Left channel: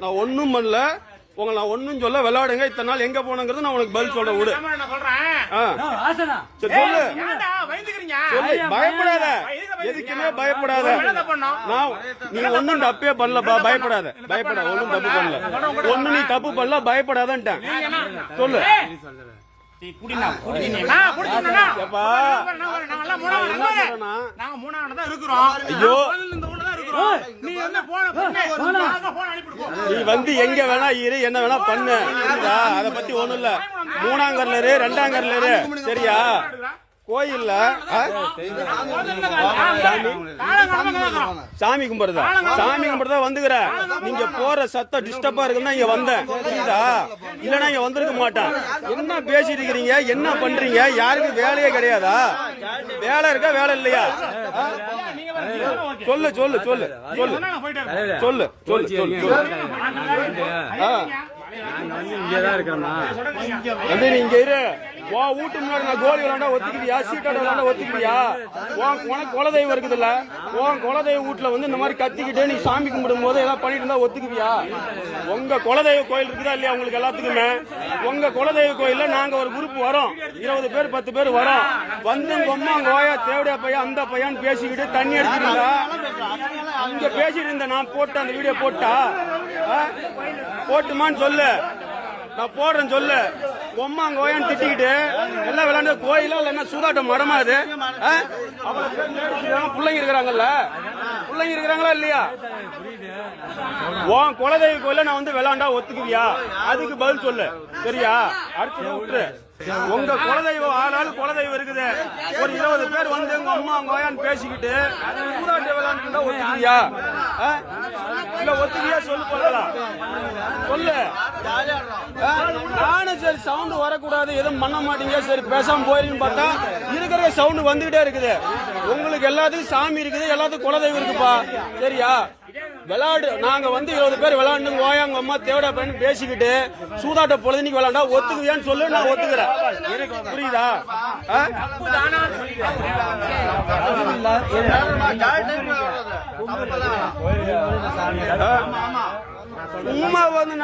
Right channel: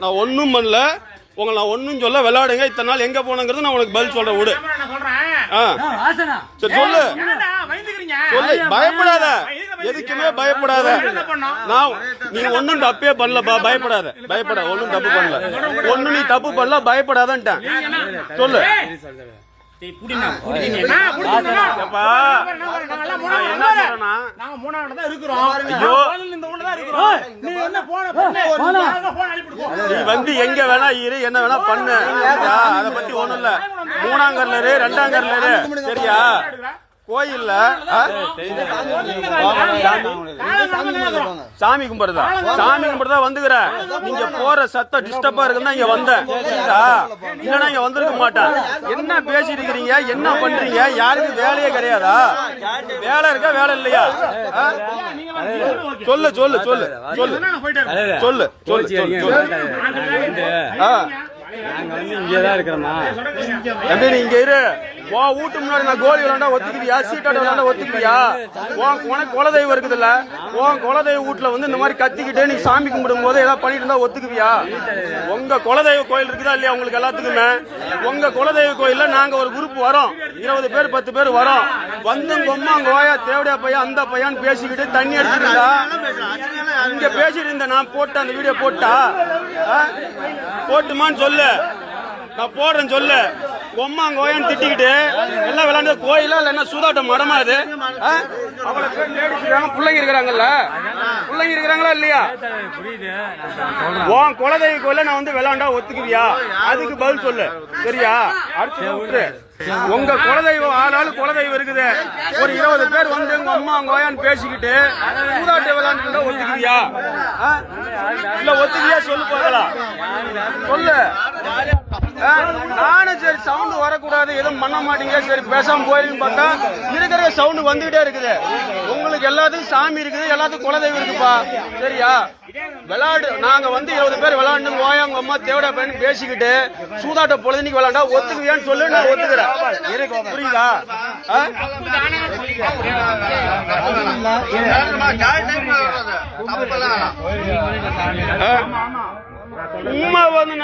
நான் ஒன்றும் பண்ணல, உங்களை நான் ஒன்றும் சொல்ல. விளையாடுங்க. இத்தனை நாள் எங்க போனங்கிறது நான் உனக்கு பதில் சொல்றேன். விடு. சரி சொல்லு சொல்லு. பயப்படாத, எதுக்குமே பயப்படாத. நான் நீ ஒன்னும் தப்பே பண்ணலப்பா, பயப்படாத. பயப்படாத, ஒன்னும் தப்பு பண்ணல. ஒன்னும் நீ தப்பு பண்ணல, பயப்படாதன்ட்டேன். சொல்லு. வந்து எங்க வேணா இரு, என்ன வேணா பண்ணு. அத பத்தி ஒண்ணும் இல்ல. 3ஆம் கர்லரு 2ஆம் கர்லரு சரியா? கோயில்ல சாமி கும்பிடுறதா? சாமி கும்பிடுறதா வந்துக்கிற. நீங்க போற சத்தம் டிஸ்டர்பா இருக்குன்னா இங்க வந்தேன். இல்லன்னா இங்க வந்திருக்க மாட்டேன். என்ன பேசிட்டு இருக்கிறீங்க? என்ன பண்றீங்க? யாருக்கும் வேலையே கிடையாதா? வேலை இருக்கா, வேலை இல்லையா? சொல்லு சொல்லு சொல்லு சொல்லு சொல்லு சொல்லு. நாங்க வந்து இங்கதான் இருக்கிறோமா? நீ இங்க இரு. உன் வீட்டு முன்னாடி நான் கோலி விளாண்டா ஒத்துக்குவியா? சீட்டாடு விளாண்டா ஒத்துக்குவியா? உனக்கு குலதெய்வம் இருக்குதுல்ல, உன் குலதெய்வ வீட்டுல வந்து இந்த மாதிரி கத்திக்கிட்டு நீ சாமி கும்பிடும் போது ஏதாவது பண்ணிட்டு இருந்தா ஒத்துக்குவியா? உங்க குலதெய்வ கோயில் இருக்குதா இல்லையா? உங்களுக்கு எல்லாத்துக்குமே உங்க குலதெய்வ கோயில்ல நாங்க ஒரு குரூப் வரோம், 20 பேர் 10 பேர் வரோம். வந்து கொம்மா கோயா தேவடியா பையன் அந்த பையன் பேசிக்கிட்டு தண்ணி அடிச்சுக்கிட்டா இங்க பேசிட்டு இருந்த நான் போட்ட அந்த வீடியோ போட்டா போட்டுமான்னு சொல்லு. நான் போடுறேன் சொல்லு. கொம்மா கோயான்னு திட்டிக்கிட்டு எல்லாம் விளையாண்டு கோயிலா இல்ல என்ன சூதாட்டம் மடமா இது? அவளை பேர் பிள்ளைங்க இருக்கிறாங்கல்ல, பிள்ளைங்க இருக்கிறாங்களா இல்லையா? உன் குலதெய்வ கோயில நான் வந்து விளையாண்டா ஒத்துக்குவியா? அதுக்கு பதில் சொல்லு சரியா? அடிச்சு விட்டுரு. உங்க குலதெய்வம் ஆளாளு குலதெய்வம் இருக்குது. ஒரு 20 பேர் வந்து உங்க அம்மா கோயான்னு பேசிக்கிட்டு சூதாட்ட விளையாண்டு ஒத்துக்குவியா? இல்ல ஒத்துக்கியா சொல்லு போகலாம் சொல்லு. நானும் சரி சவுண்ட் வரக்கூடாது, எதுவும் பண்ண மாட்டீங்க, சரி பேசாம போயிருன்னு பார்த்தா இருக்கிற சவுண்ட் வந்துகிட்டே இருக்குது. உங்களுக்கு எல்லாத்துக்கும் சாமி இருக்குது, எல்லாத்துக்கும் குலதெய்வம் இருக்குப்பா சரியா? விளையாடு. நாங்க வந்து 20 பேர் விளையாண்டு ஓயாங்க அம்மா தேவடா பையன் பேசிக்கிட்டு சூதாட்ட பொழுதுனிக்கு விளையாண்டா ஒத்துக்குவியான்னு சொல்லு. நான் ஒத்துக்கிறேன். புரியுதா? சும்மா வந்து